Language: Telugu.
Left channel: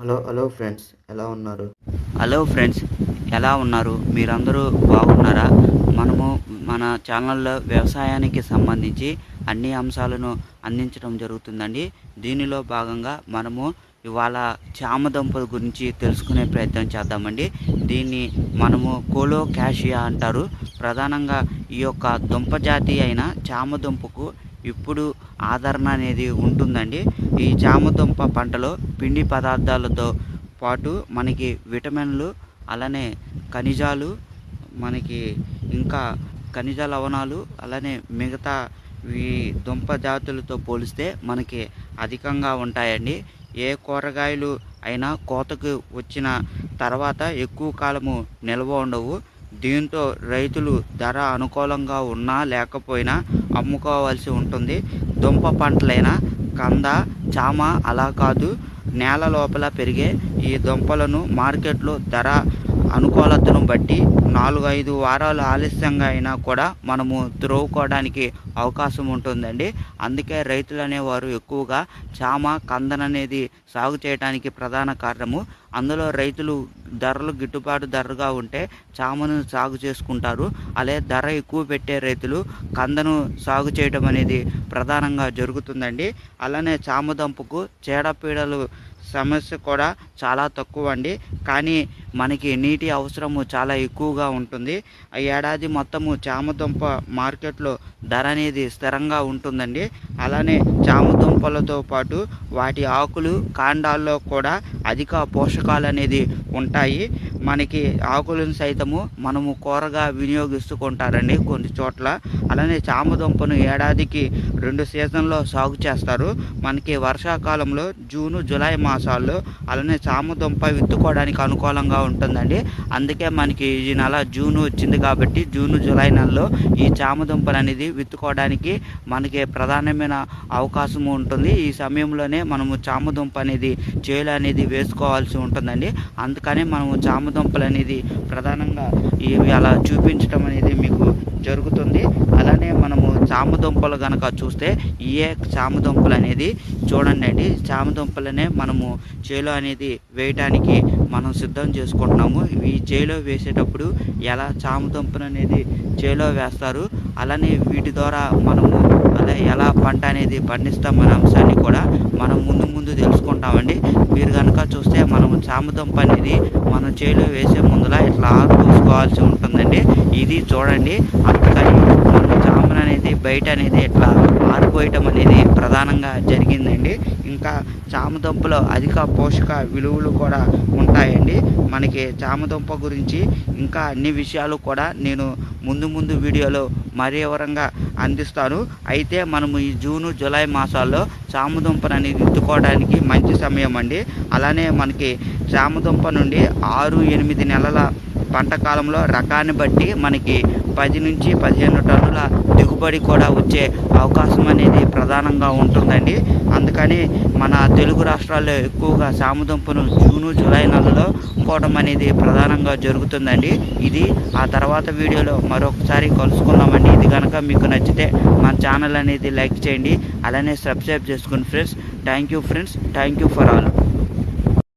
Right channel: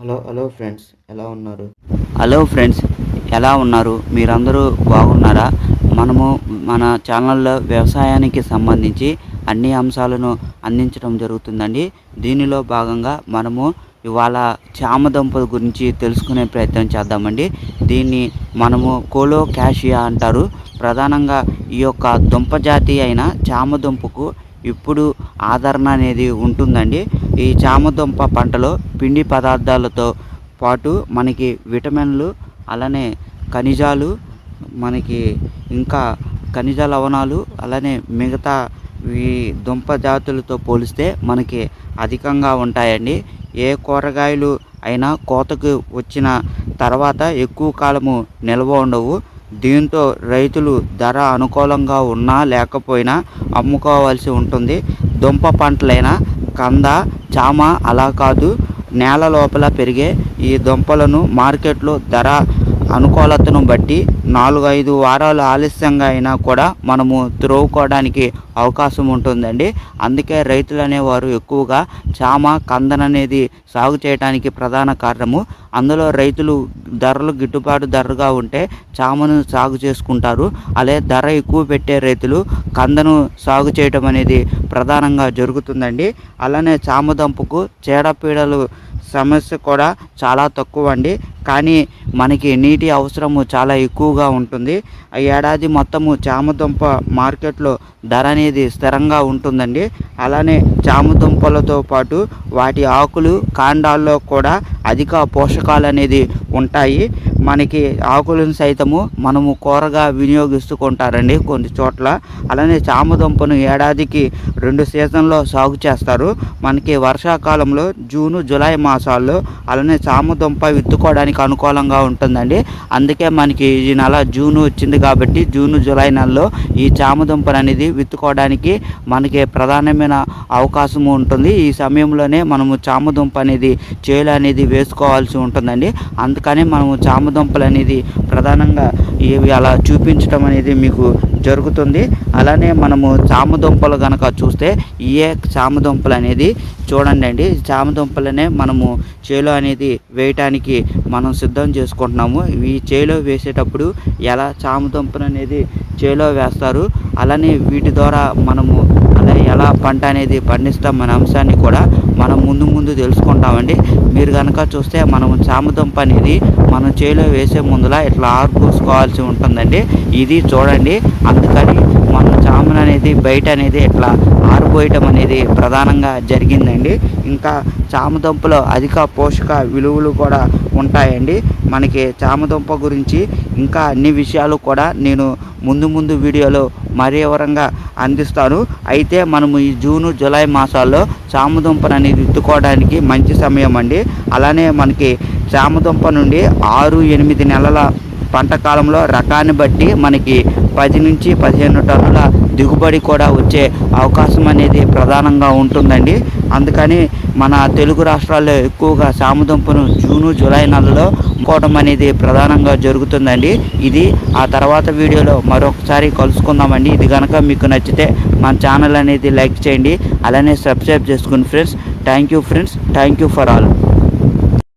హలో హలో ఫ్రెండ్స్ ఎలా ఉన్నారు? హలో ఫ్రెండ్స్ ఎలా ఉన్నారు? మీరందరూ బాగున్నారా? మనము మన ఛానల్లో వ్యవసాయానికి సంబంధించి అన్ని అంశాలను అందించడం జరుగుతుందండి. దీనిలో భాగంగా మనము ఇవాళ చామ దుంపల గురించి తెలుసుకునే ప్రయత్నం చేద్దామండి. దీన్ని మనము కోలో క్యాషియా అంటారు. ప్రధానంగా ఈ యొక్క దుంప జాతి అయిన చామ దుంపకు ఇప్పుడు ఆదరణ అనేది ఉంటుందండి. ఈ చామదుంప పంటలో పిండి పదార్థాలతో పాటు మనకి విటమిన్లు అలానే ఖనిజాలు మనకి ఇంకా ఖనిజ లవణాలు అలానే మిగతా ఈ దుంప జాతులతో పోలిస్తే మనకి అధికంగా ఉంటాయండి. ఏ కూరగాయలు అయినా కోతకు వచ్చిన తర్వాత ఎక్కువ కాలము నిల్వ ఉండవు. దీంతో రైతులు ధర అనుకూలంగా ఉన్నా లేకపోయినా అమ్ముకోవాల్సి ఉంటుంది. దుంప పంటలైన కంద చామ అలా కాదు. నేల లోపల పెరిగే ఈ దుంపలను మార్కెట్లో ధర అనుకూలతను బట్టి నాలుగు ఐదు వారాలు ఆలస్యంగా అయినా కూడా మనము త్రోవుకోవడానికి అవకాశం ఉంటుందండి. అందుకే రైతులు అనేవారు ఎక్కువగా చామ కందన అనేది సాగు చేయడానికి ప్రధాన కారణము. అందులో రైతులు ధరలు గిట్టుబాటు ధరగా ఉంటే చామను సాగు చేసుకుంటారు. అలాగే ధర ఎక్కువ పెట్టే రైతులు కందను సాగు చేయడం అనేది ప్రధానంగా జరుగుతుందండి. అలానే చామ చామదుంపకు చీడపీడలు సమస్య కూడా చాలా తక్కువ అండి కానీ మనకి నీటి అవసరము చాలా ఎక్కువగా ఉంటుంది. ఆ ఏడాది మొత్తము చామదుంప మార్కెట్లో ధర అనేది స్థిరంగా ఉంటుందండి. అలానే చామదుంపలతో పాటు వాటి ఆకులు కాండాల్లో కూడా అధిక పోషకాలు అనేది ఉంటాయి. మనకి ఆకులను సైతము మనము కూరగా వినియోగిస్తుంటారండి కొన్ని చోట్ల. అలానే చామదుంపను ఏడాదికి రెండు సీజన్లో సాగు చేస్తారు. మనకి వర్షాకాలంలో జూను జూలై మాసాల్లో అలానే చామదుంప విత్తుకోవడానికి అనుకూలంగా ఉంటుందండి. అందుకే మనకి ఈ నెల జూన్ వచ్చింది కాబట్టి జూను జూలై నెలలో ఈ చామదుంపలు అనేది విత్తుకోవడానికి మనకి ప్రధానమైన అవకాశం ఉంటుంది. ఈ సమయంలోనే మనము చామదుంప అనేది చేలు అనేది వేసుకోవాల్సి ఉంటుందండి. అందుకని మనము చామదుంపలు అనేది ప్రధానంగా ఇవి అలా చూపించడం అనేది మీకు జరుగుతుంది. అలానే మనము చామదుంపలు కనుక చూస్తే ఏ చామదుంపలు అనేది చూడండి అండి. చామదుంపలనే మనము చేలో అనేది వేయటానికి మనం సిద్ధం చేసుకుంటున్నాము. ఈ చేలో వేసేటప్పుడు ఎలా చామదుంపలు అనేది చేలో వేస్తారు అలానే వీటి ద్వారా మనము ఎలా పంట అనేది పండిస్తాం అనే అంశాన్ని కూడా మనం ముందు ముందు తెలుసుకుంటామండి. మీరు కనుక చూస్తే మనం చామదుంప అనేది మనం చేలో వేసే ముందులా ఇట్లా ఆరు పోసుకోవాల్సి ఉంటుందండి. ఇది చూడండి అందుకని మనం చామన అనేది బయట అనేది ఇట్లా ఆరిపోయటం అనేది ప్రధానంగా జరిగిందండి. ఇంకా చామదుంపలో అధిక పోషక విలువలు కూడా ఉంటాయండి. మనకి చామదుంప గురించి ఇంకా అన్ని విషయాలు కూడా నేను ముందు ముందు వీడియోలో మరీ వివరంగా అందిస్తాను. అయితే మనము ఈ జూను జూలై మాసాల్లో చామదుంపను అనేది విత్తుకోవడానికి మంచి సమయం అండి. అలానే మనకి చామదుంప నుండి ఆరు ఎనిమిది నెలల పంట కాలంలో రకాన్ని బట్టి మనకి పది నుంచి పదిహేను టన్నుల దిగుబడి కూడా వచ్చే అవకాశం అనేది ప్రధానంగా ఉంటుందండి. అందుకని మన తెలుగు రాష్ట్రాల్లో ఎక్కువగా సామదుంపను జూను జూలై నెలలో కోవడం అనేది ప్రధానంగా జరుగుతుందండి. ఇది ఆ తర్వాత వీడియోలో మరొకసారి కలుసుకుందామండి. ఇది కనుక మీకు నచ్చితే మన ఛానల్ అనేది లైక్ చేయండి. అలానే సబ్స్క్రైబ్ చేసుకోండి friends thank you friends thank you for all.